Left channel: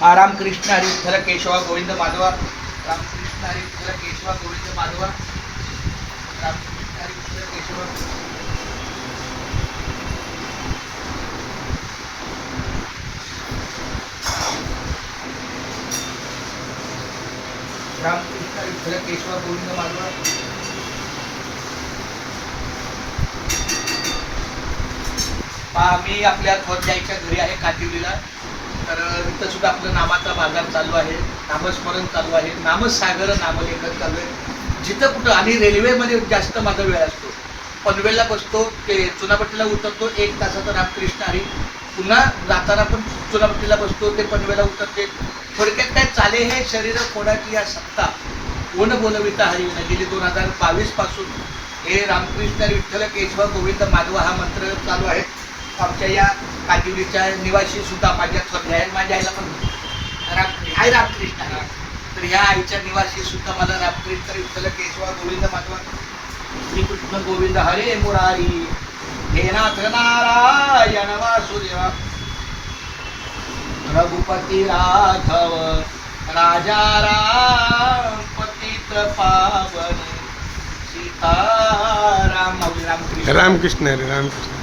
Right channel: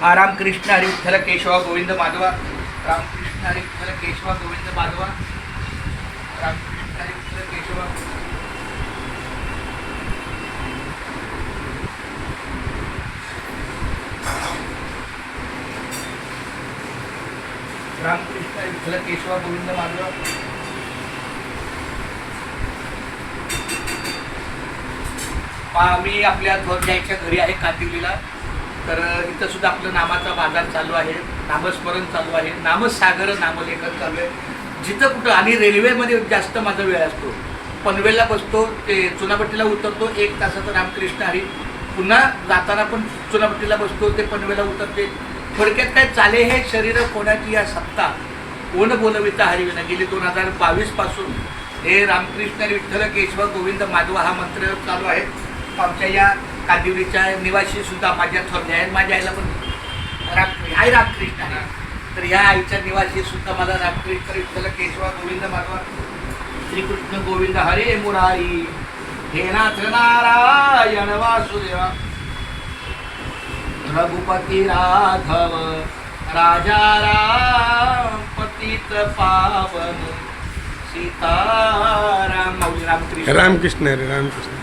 हा रामकृष्ण हरी विठ्ठल केशवा गोविंद माधवा रामकृष्ण हरी विठ्ठल केशवा गोविंद माधवा रामकृष्ण हरी विठ्ठल केशवा रामकृष्ण हरी विठ्ठल केशवा गोविंद माधवा। मी आपल्या ध्वजाईच्या घरी आहे कांदिवलीला. तर इथं सुद्धा आपलं नामाचा बाजार चालू आहे नामस्मरण चालू आहे नामसागर नामलेखन चालू आहे. जिथं कुठं आणि रेल्वेमध्ये जास्त माझा वेळ असतो. पनवेलला बसतो ते चुनाभट्टीला उतरतो एक तासाचा रामकृष्ण हरी. पुन्हा जाताना पण चुनाभट्टीला बसतो ते पनवेला उतरते. थोडक्यात काय चाले हे शरीर कोणाची या सत्ता? कोण बोलविता हरिविना? गेली दोन हजार बावीसपासून हे रामकृष्ण विठ्ठल केशव गोविंद माधव हा मंत्र चालू आहे आमच्या या कादिवलीच्या निवासी सुद्धा माझ्या थोरल्या आहेत माझ्या आईला पण राम आई रामकृष्ण आहे. तर ह्या आईच्या निवासी सुद्धा मला रामकृष्ण विठ्ठल केशवा गोविंद माधव श्रीकृष्ण गोविंद हरे मुरारी. हे नाथ नारायण वासुदेवा. रघुपती राघव राजा राम पतित पावन सीताराम माऊली रामकृष्ण रामकृष्ण रामकृष्ण.